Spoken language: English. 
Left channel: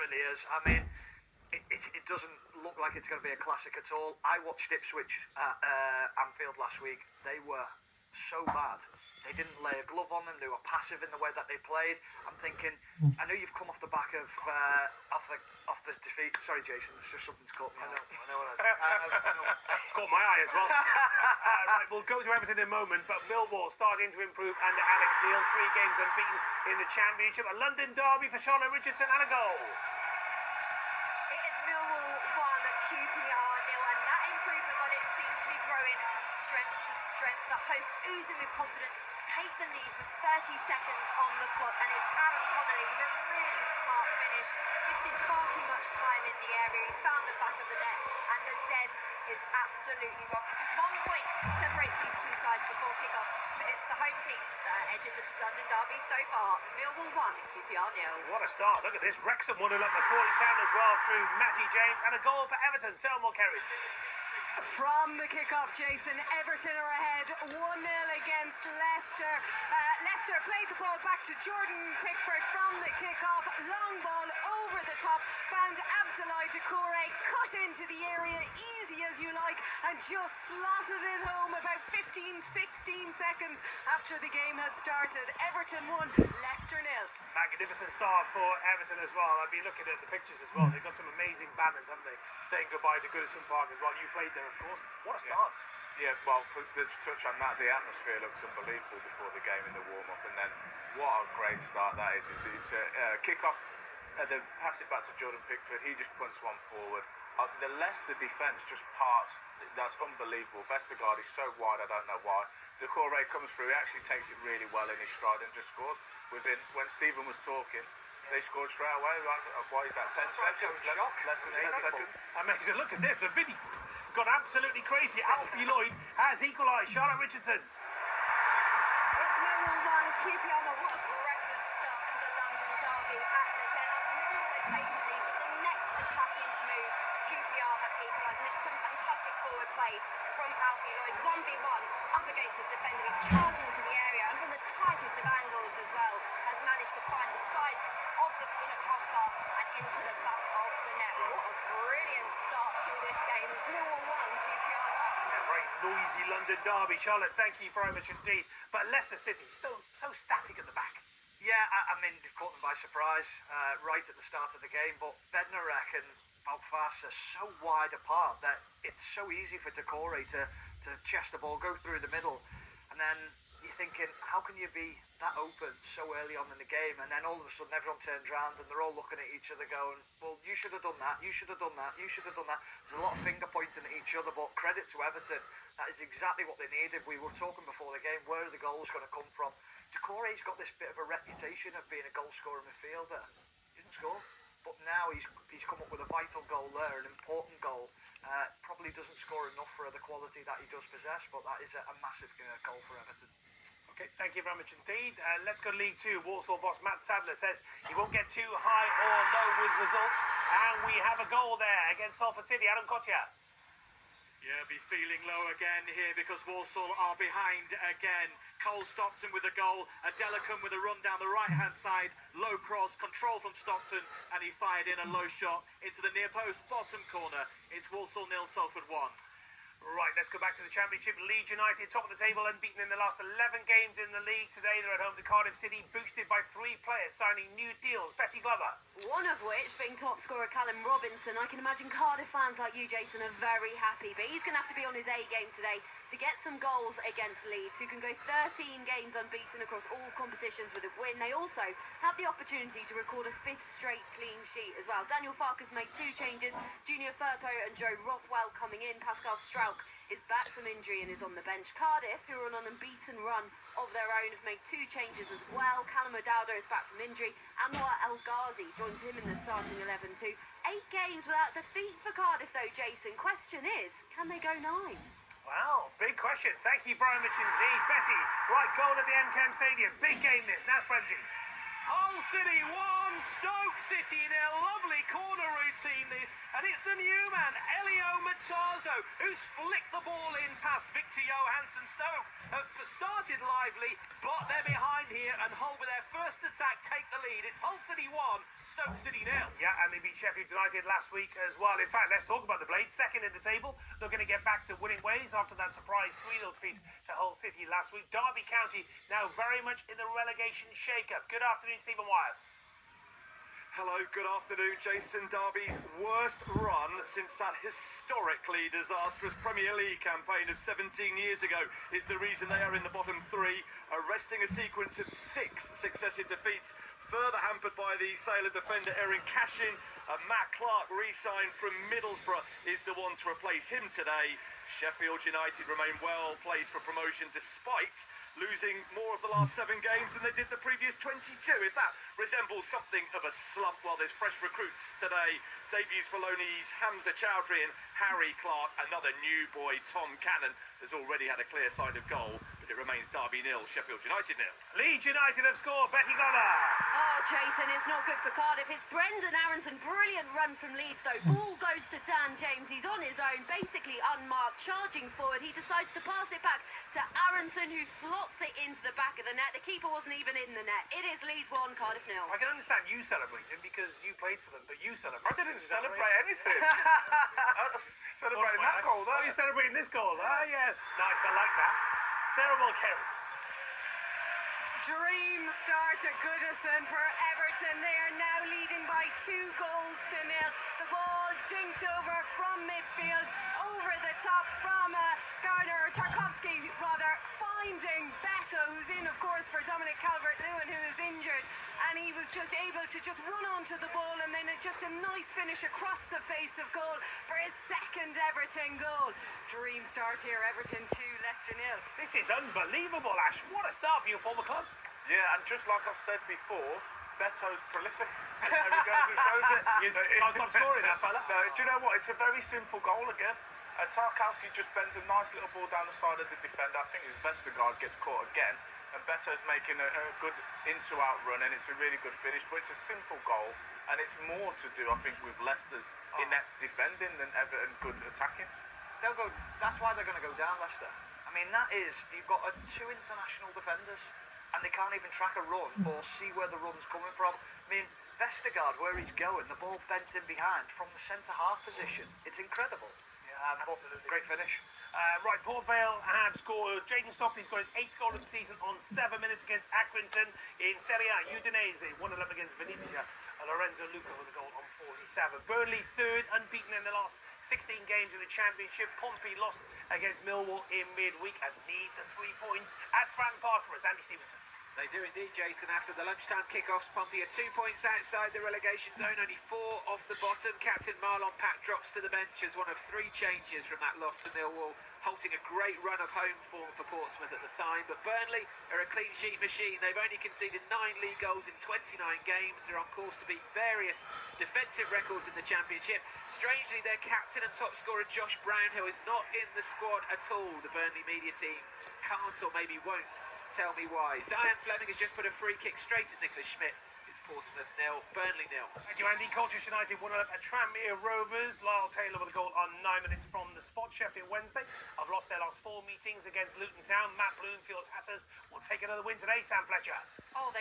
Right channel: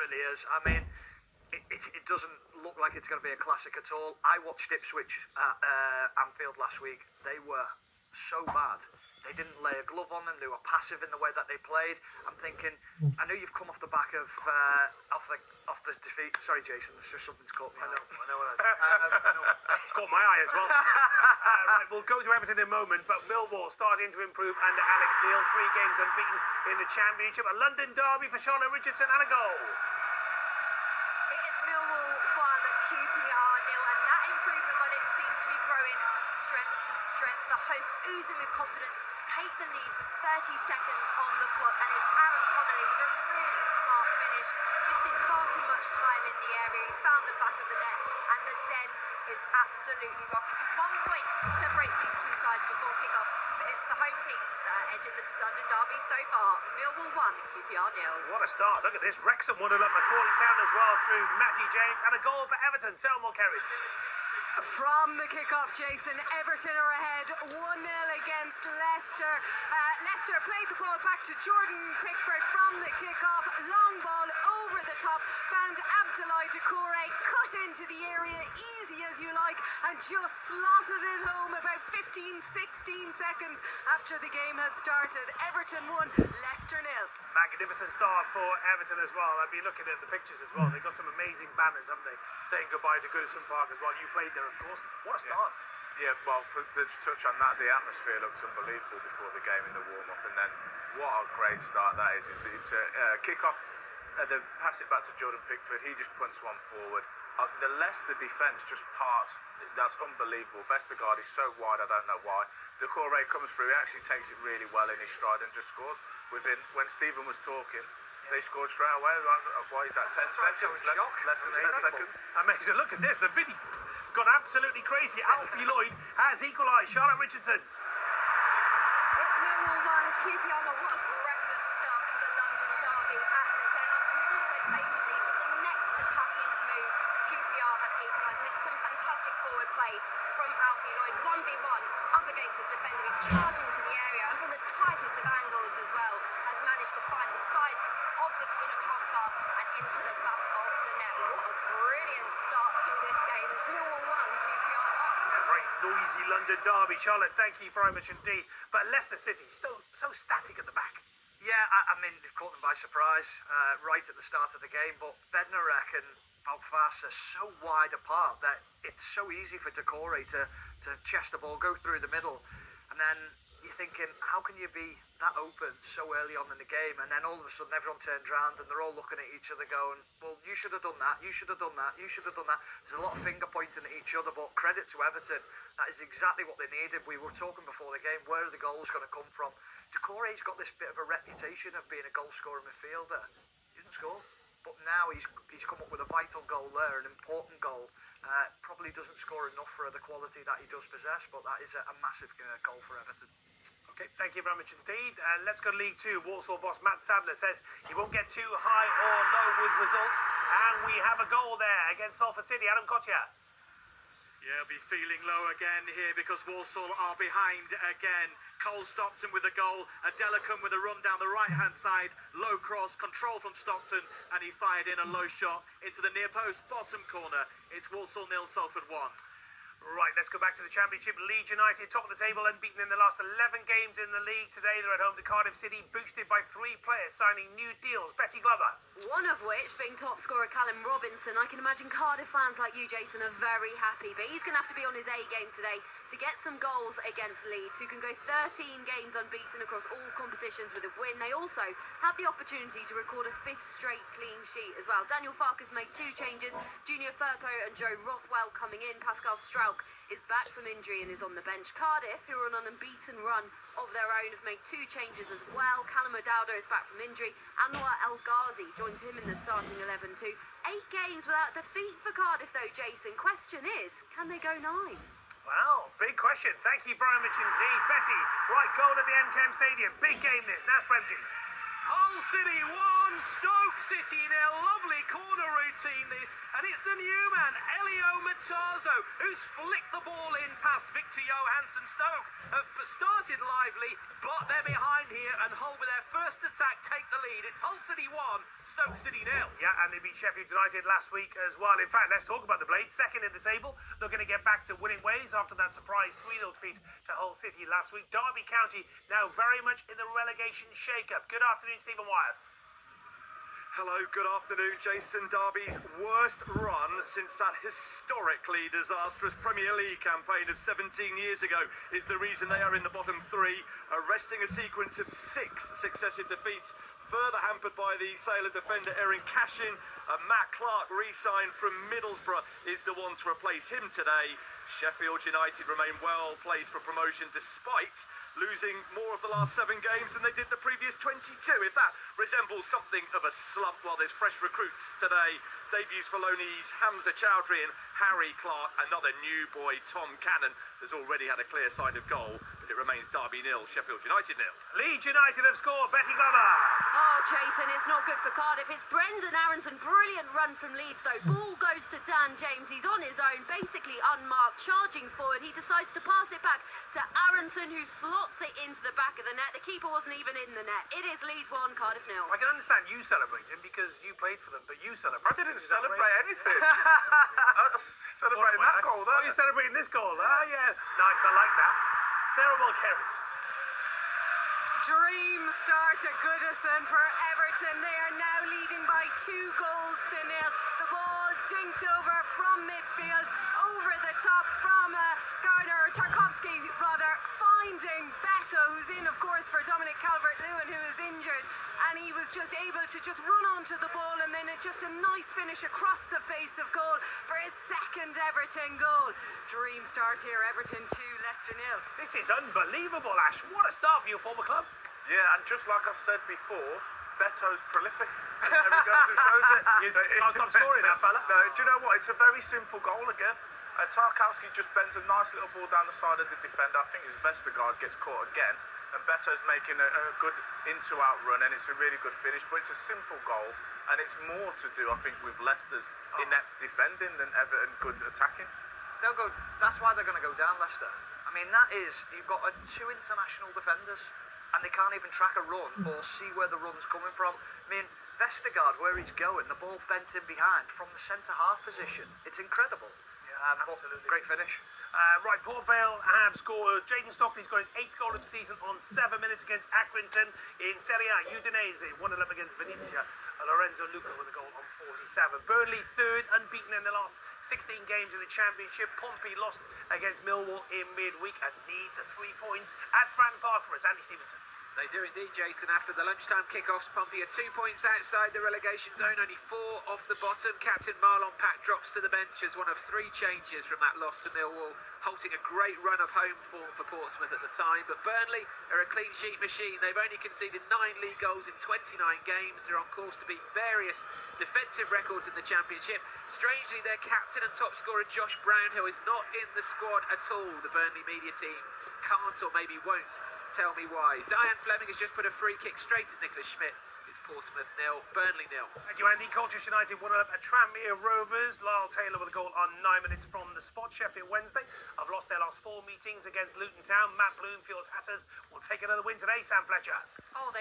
really is. I mean, it doesn't look like it's going to be a classic at all. I watched Ipswich at Anfield last week. They were so bad. They didn't lay a glove on them. They were passive in the way that they played. I'm thinking, I know you've come off the back of off the defeat. Sorry, Jason, it's just something's caught me. I know what it's caught my eye as well. Right, we'll go to Everton in a moment, but Millwall starting to improve under Alex Neil. 3 games unbeaten in the Championship. A London derby for Charlotte Richardson and a goal. It is Millwall 1, QPR 0, and that improvement, well, it seems to be growing from strength to strength. The hosts oozing with confidence take the lead with 30 seconds on the clock, and it's Aaron Connolly with a really smart finish, gifted far too much time in the area. He found the back of the net, and the Den is absolutely rocking. Just 1 point separates these two sides before kick-off, but it's the home team that are edging the London derby so far. Millwall 1, QPR 0. What a start. Look at this. Wrexham 1-0 up Macaulay Town as well through Matty James, and a goal for Everton. Selmore Kerridge. From the kick-off, Jason, Everton are ahead 1-0 against Leicester. Leicester played the ball back to Jordan Pickford from the kick-off. Long ball over the top, found Abdoulaye Doucouré, cut into the area, easy as you like, and just slotted it home about 15-16 seconds after the game had started. Everton 1, Leicester 0. Magnificent start for Everton as well. I've been looking at the pictures as well. They've got some amazing banners, haven't they? Saying goodbye to Goodison Park as well. You played there, of course. What a start. Yeah, well, let's touch on that. The atmosphere looks unbelievable before the game in the warm-up, and then what a great start that is. It's a kick-off, they pass it back to Jordan Pickford. He just punts one forward. The Leicester defence just parts. That's unbelievable. Vestergaard is so wide, I don't know why. Doucouré comes through, he actually takes it really well in his stride and just scores. When Stephen was talking, they scored straight away. Why is that? 10 seconds? Less than 10 seconds. Amazing. Look at this. The video gone absolutely crazy. Alfie Lloyd has equalised. Charlotte Richardson. It's Millwall 1, QPR 1. What a breathless start to the London derby at the Den. After Millwall had taken the lead, with the next attacking move, QPR have equalised, and it's some fantastic forward play from Alfie Lloyd. 1v1 up against his defender. He's charging to the area, and from the tightest of angles as well, has managed to find the side of the inner crossbar and into the back of the net. What a brilliant start to this game. It's Millwall 1, QPR 1. A very noisy London derby. Charlotte, thank you very much indeed. But Leicester City still so static at the back. Yeah, I mean, they've caught them by surprise right at the start of the game, but Bednarek and Belfast are so wide apart that it's so easy for Doucouré to chest the ball, go through the middle, and then you're thinking, how can you be that open so early on in the game? And then all of a sudden everyone turns around and they're all looking at each other going, well, you should have done that, you should have done that, you should have done that. There's a lot of finger pointing at each other, but credit to Everton, that is exactly what they needed. We were talking before the game, where are the goals going to come from? Doucouré's got this bit of a reputation of being a goal-scoring midfielder. He doesn't score, but now he's come up with a vital goal there, an important goal. Probably doesn't score enough for the quality that he does possess, but that is a massive goal for Everton. Okay, thank you very much indeed. Let's go to League 2. Walsall boss Matt Sadler says he won't get too high or low with results. And we have a goal there against Salford City. Adam Kotia. Yeah, I'll be feeling low again here because Walsall are behind again. Cole Stockton with a goal. Adelakun with a run down the right-hand side. Low cross, control from Stockton, and he fired in a low shot into the near post, bottom corner. It's Walsall 0, Salford 1. Right, let's go back to the Championship. Leeds United, top of the table, unbeaten in the last 11 games in the league. Today they're at home to Cardiff City, boosted by 3 players signing new deals. Betty Glover. One of which being top scorer Callum Robinson. I can imagine Cardiff fans like you, Jason, are very happy. But he's going to have to be on his A game today to get some goals against Leeds, who can go 13 games unbeaten across all competitions with a win. They also have the opportunity to record a 5th straight clean sheet as well. Daniel Farke's made 2 changes. Junior Firpo and Joe Rothwell coming in. Pascal Strauch is back from injury and is on the bench. Cardiff, who are on an unbeaten run of their own, have made 2 changes as well. Callum O'Dowda is back from injury. Anwar El Ghazi joins him in the starting 11 too. 8 games without defeat for Cardiff though, Jason. Question is, can they go 9? Wow, big question. Thank you very much indeed, Betty. Right, goal at the MCAM Stadium. Big game this. Naz Premji. Hull City 1, Stoke City 0. Lovely corner routine this, and it's the new man, Elio Matazo, who's flicked the ball in past Victor Johansson. Stoke have started lively, but they're behind here, and Hull with their first attack take the lead. It's Hull City 1, Stoke City 0. Yeah, and they beat Sheffield United last week as well. In fact, let's talk about the Blades. Second in the table, looking to get back to winning ways after that surprise 3-0 defeat to Hull City last week. Derby County now very much in the relegation shake-up. Good afternoon, Stephen Wyeth. Hello, good afternoon, Jason. Derby's worst run since that historically disastrous Premier League campaign of 17 years ago is the reason they are in the bottom three, arresting a sequence of 6 successive defeats, further hampered by the sale of defender Erin Cashin. Matt Clark, re-signed from Middlesbrough, is the one to replace him today. Sheffield United remain well placed for promotion despite losing more of the last 7 games than they did the previous 22. If that resembles something of a slump, while there's fresh recruits today. Debuts for Loney's Hamza Chowdhury and Harry Clark. Another new boy, Tom Cannon, has already had a clear-sided goal, but it remains Derby 0, Sheffield United 0. Leeds United have scored. Betty Glover. Oh, Jason, it's not good for Cardiff. It's Brendan Aronson. Brilliant run from Leeds, though. Ball goes to Dan James. He's on his own, basically unmarked, charging forward. He decides to pass it back to Aronson, who slots it into the back of the net. The keeper wasn't even in the net. It is Leeds 1, Cardiff 0. I can understand you celebrating because you played for them, but you celebrate. I didn't celebrate anything. I was celebrating that goal there. Oh, you're celebrating this goal there? Oh, yeah. Nice, I like that. Sarah Mulkerrett. Dream start to Goodison for Everton. They are now leading by 2 goals to 0. The ball dinked over from midfield, over the top from Tarkovsky, finding Beto, who's in, of course, for Dominic Calvert-Lewin, who is injured. And he was just able to just run onto the ball, and then just a nice finish across the face of goal for his second Everton goal. Dream start here, Everton 2, Leicester 0. This is unbelievable, Ash. What a start for your former club. Yeah, and just like I said before, Beto's prolific. And there he goes, it shows it. Can't stop scoring, that fella. No, do you know what? It's a very simple goal again. Tarkowski just bends a nice little ball down the side of the defender. I think his Vestergaard gets caught again. And Beto's making a good in-to-out run, and it's a really good finish. But it's a simple goal, and it's more to do, I think, with Leicester's inept defending than Everton good attacking. That's why they're going to go down, Leicester. I mean, you've got 2 international defenders, and they can't even track a run or see where the run's coming from. I mean, Vestergaard, where he's going, the ball bent in behind from the centre-half position. It's incredible. Absolutely. Great finish. Right, Port Vale have scored. Jaden Stockley's got his 8th goal of the season on 7 minutes against Accrington. In Serie A, Udinese 1-0 against Venezia. Lorenzo Luca with a goal on 47. Burnley 3rd, unbeaten in the last 16 games in the Championship. Pompey lost against Millwall in midweek and need the 3 points at Fratton Park for us. Andy Stevenson. They do indeed, Jason. After the lunchtime kickoffs, Pompey are 2 points outside the relegation zone, only 4 off the bottom. Captain Marlon Pack drops to the bench as one of 3 changes from that loss to Millwall, halting a great run of home form for Portsmouth at the time. But Burnley are a clean sheet machine. They've only conceded 9 league goals in 29 games. They're on course to beat various defensive records in the Championship. Strangely, their captain and top scorer Josh Brown, who is not in the squad at all, the Burnley media team can't or maybe won't tell me why. Zion Fleming has just put a free kick straight at Nicholas Schmidt. It's Portsmouth 0, Burnley 0. Thank you, Andy. Colchester United 1-0 at Tranmere Rovers. Lyle Taylor with a goal on 9 minutes from the spot. Sheffield Wednesday have lost their last 4 meetings against Luton Town. Matt Bloomfield's Hatters will take another win today, Sam Fletcher. Oh, they